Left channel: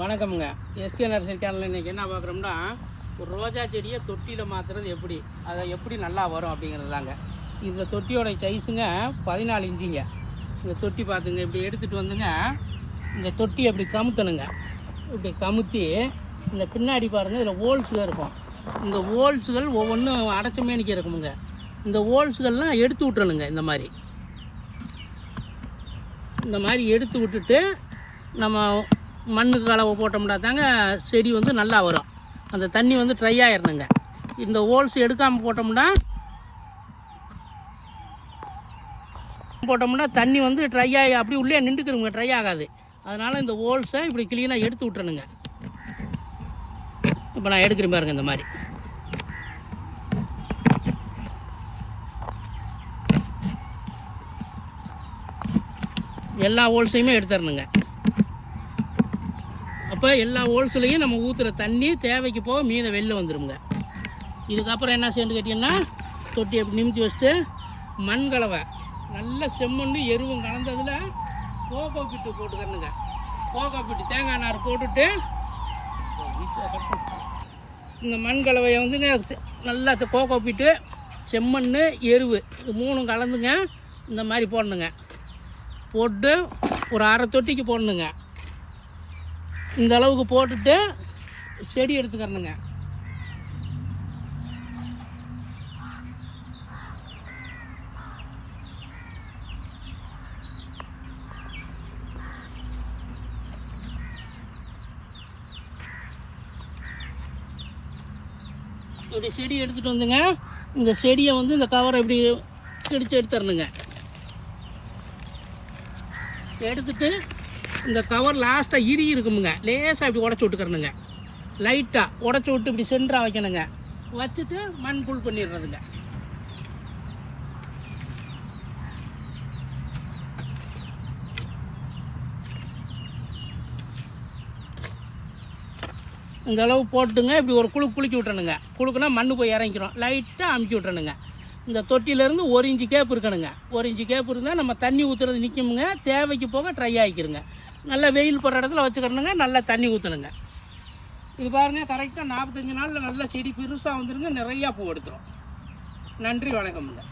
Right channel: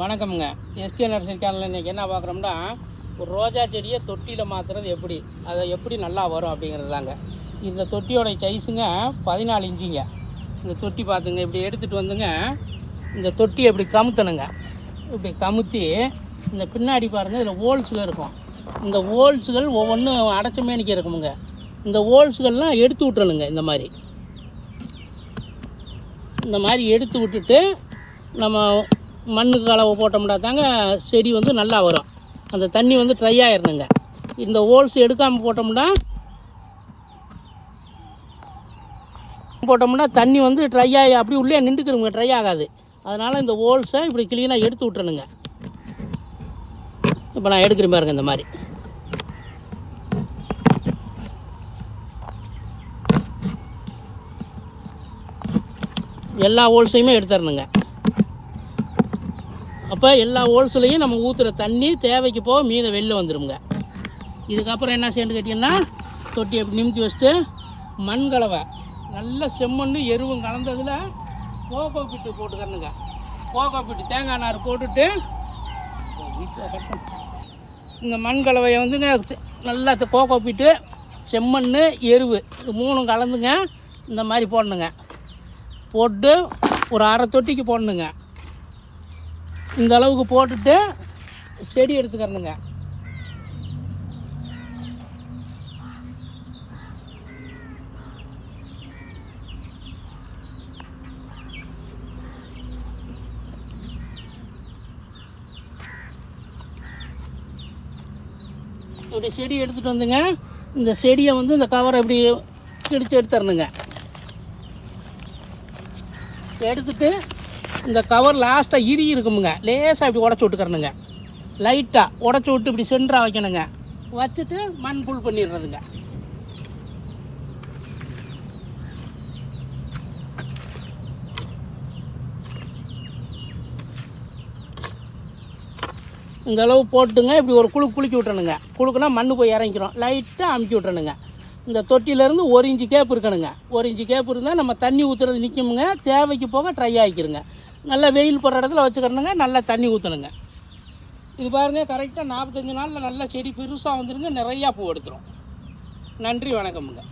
வணக்கமுங்க. SK nursery சேனலில் இன்றைக்கி என்ன பார்க்குறோம்னா, ஒரு ரோஜா செடியை தொட்டியில் மாற்றுறது எப்படி, அதை எப்படி நல்லா வரும் அப்படிங்கிறது தாங்க. இந்த தொட்டியோட சைஸுங்க 14 இன்ச்சுங்க. இந்த தொட்டி பார்த்துங்க, இப்படி எடுத்துகிட்டு வந்துங்க, இந்த தொட்டியை இப்படி கமுத்தணுங்க. இப்படி கமுத்தி இந்த பின்னாடி பாருங்கள், இதில் ஹோல்ஸுகள் இருக்கும். இந்த ஹோல்ஸுகள் ஒவ்வொன்றும் அடைச்ச மேனிக்கு இருக்குமுங்க. இந்த ஹோல்ஸுகள்லாம் எடுத்து விட்டுறணுங்க. இந்த மாதிரி எடுத்து விட்டுட்டு நம்ம மண்ணுக்கு கலவை போட்டோம்னா தாங்க செடி வந்து நல்லா வரும். அந்த தண்ணி வந்து ட்ரை ஆகிடணுங்க. இந்த ஹோல்ஸ் எடுக்காமல் போட்டோம்னா தண்ணி வந்து ட்ரை ஆகி அப்படி உள்ளே நின்றுக்கிறோங்க, ட்ரை ஆகாது. அதனால் இந்த ஹோல்ஸை இப்படி க்ளீனாக எடுத்து விட்டுறணுங்க. இப்போ நான் எடுக்கிறேன் பாருங்க. இந்த மாதிரி எல்லா ஹோல்ஸையுமே எடுத்துடணுங்க. அப்போ எல்லா ஹோல்ஸ்லையும் நம்ம ஊற்றுற தண்ணி தேவைக்கு போக மீத வெளில வந்துடுங்க. இதுக்கப்புறம் என்ன செய்யணும்னு கேட்டிங்கன்னா, தொட்டி எப்படி நிமித்தி வச்சுட்டு மண் கலவை நல்ல செம்மண்ணு எருவும் கலந்ததில் கோகோ பிட்டு போட்டுக்கிறணுங்க. கோகோ பிட்டு தேங்காய் நார் போட்டுட்டு இந்த மண் கலவையை வந்துங்க நல்லா கோகோ பிட்டு செம்மண் எருவு இது 3 கலந்துங்க இந்த மாதிரி போடணுங்க. போட்டு ஒரு அரை தொட்டிக்கு போடணுங்க. இந்த அளவுக்கு போட்டுட்டு செடி எடுத்துக்கிறணுங்க. இப்படி செடி எடுத்துகிட்டு வந்துங்க, இந்த செடியை வந்து இந்த கவரை இப்படி கிழிச்சு எடுத்துடணுங்க. எடுத்துட்டு இந்த கவர் லாஸ்ட்டாக இருக்குமுங்க, லேசாக இப்படி உடச்சி விட்டுக்கிறணுங்க. லைட்டாக உடச்சி விட்டு இப்படி சென்டராக வைக்கணுங்க. வச்சுட்டு மண் புல் பண்ணிடுறதுங்க. இந்த அளவு போட்டுங்க. இப்படி ஒரு குலுக்கி விட்டுறணுங்க. குலுக்குனா மண் போய் இறங்கிக்கிறோம். லைட்டாக அமுக்கி விட்டுறணுங்க. இந்த தொட்டியிலேருந்து 1 இன்ச்சு கேப் இருக்கணுங்க. 1 இன்ச்சு கேப் இருந்தால் நம்ம தண்ணி ஊற்றுறது நிற்குமுங்க. தேவைக்கு போக ட்ரை ஆகிக்கிறோங்க. நல்லா வெயில் படுற இடத்துல வச்சுக்கிறணுங்க. நல்லா தண்ணி ஊற்றணுங்க. இது பாருங்கள், கரெக்டாக 45 நாளில் நல்லா செடி பெருசாக வந்துடுங்க. நிறையா பூ எடுத்துரும். நன்றி, வணக்கமுங்க.